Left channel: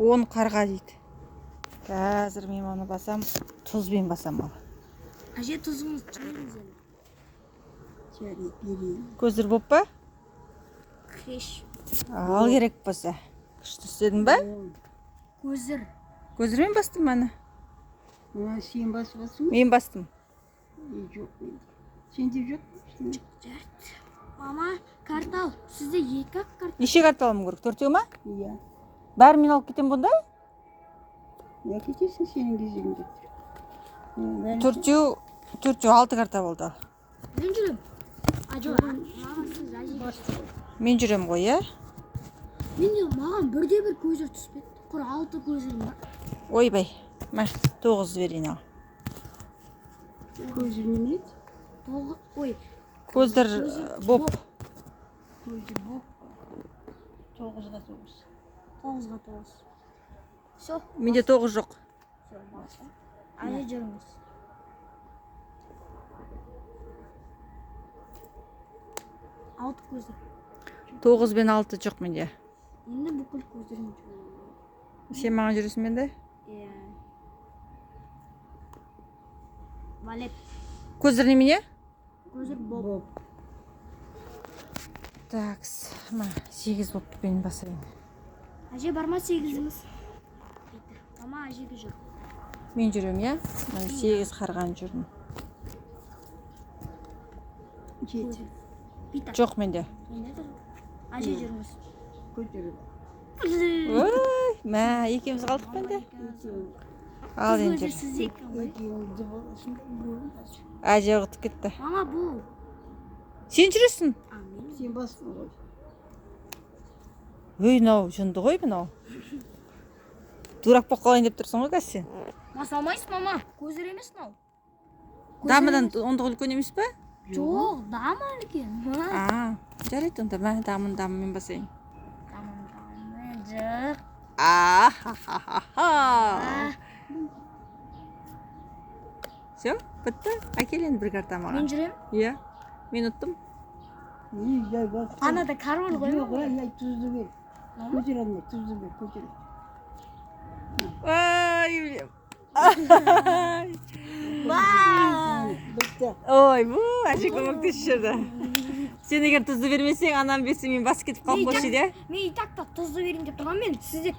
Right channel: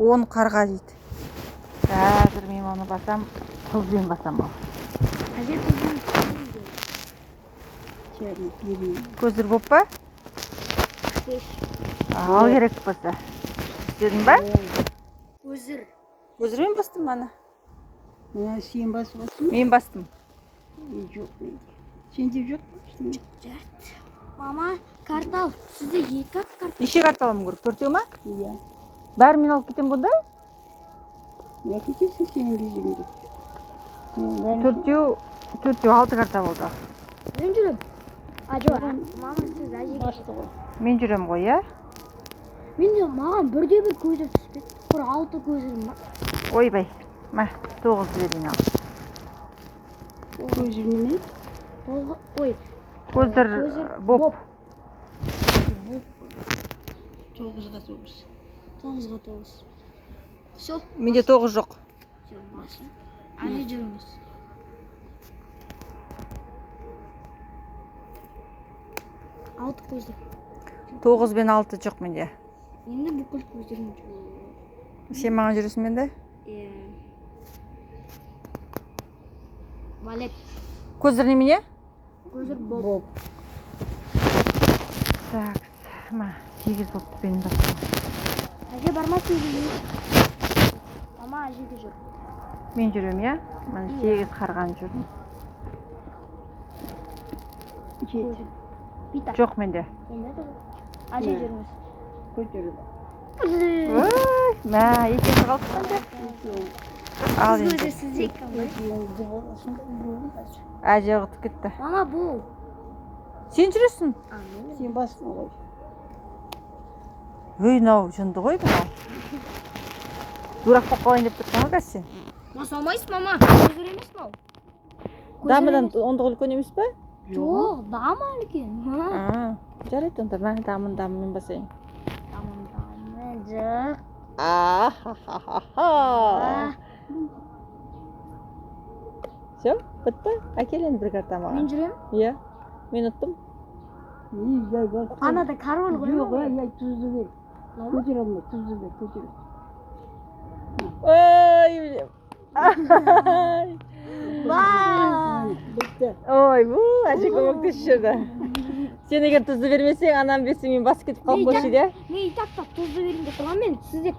10 қарға дейді. Қазір мен оны басам, тұзбен басам ал. Әже тұзын Көзір боп па? Кеш. Ал керек болса. Істедің ба? Көзір. Көзірмен бастым мені. Сен басып. Мен бастым. Жоқ. Сен деп жоқ. Мама, картал. Сізде екі картал. Неше карта алым керек? 4 ма? Иә. Бәрін мен алып кетем бұнда? Я кетесің сенің кезегіңде. 4 6 карта болды. Мен жүрем. Жоқ, маған сіз әжеге. Мен жүрем ғой, иә? Менде маған бірде-бір көзір түспеді. Бір 6 көзірім бар. Ойбай. Ма, 9 берейін ал. Көзір неме? Ой, Көздер боп. 9-ға 9. 9-ға 9. Все. Менде 9 жоқ. Әлі жүріңіз. Алты көздер. 9 бен 6 жоқ менде. Енді бүкіл көздерім жүр. Сен маған жүресің менде? Валет. Көздер немене? Көзір боп. Такс. Ма, 8 болып мен басам. Әже барма 8. Мама әжеге жүр. Мен жүрем, иә? Мен 8 қарған жүрдім. Жеті. Бита. Жоқ менде. Енді де әже жүріңіз. Көтеріп. Ой, мә, екеуміз қалдық қанда. Ал енді. Сіз екі. Әже ұғытып кетті. Мама бұл. Сен жүресің? Сен басың ғой. Өй, нау, жынды ғой бұна. Дурак болып қалайын деп тұрсың ғой қазір сен. Бас алмайсыз, мама. Көзір емес мынау. Дамыдан ондық үлкен емес па? Жоқ, дамы үлкен. Жарайды онда, мә, дамын мен басайын. Дамы, жоқ. Все, бітті. Әкел енді бір карта маған. Мен жүрем. Иә, мен ұттым. Анада карвал ғой. Жоқ, я тұзды бер. Көтер алмай, тұзды бер, көтер. Ой, Бітті. ой, әже көмектесіп жүрді. Сен егер тұзды бермесең, анам берсе мен бас кетіп қалып қойшы де. Мен итақтап тұзды берейін деп тұрған мен сізде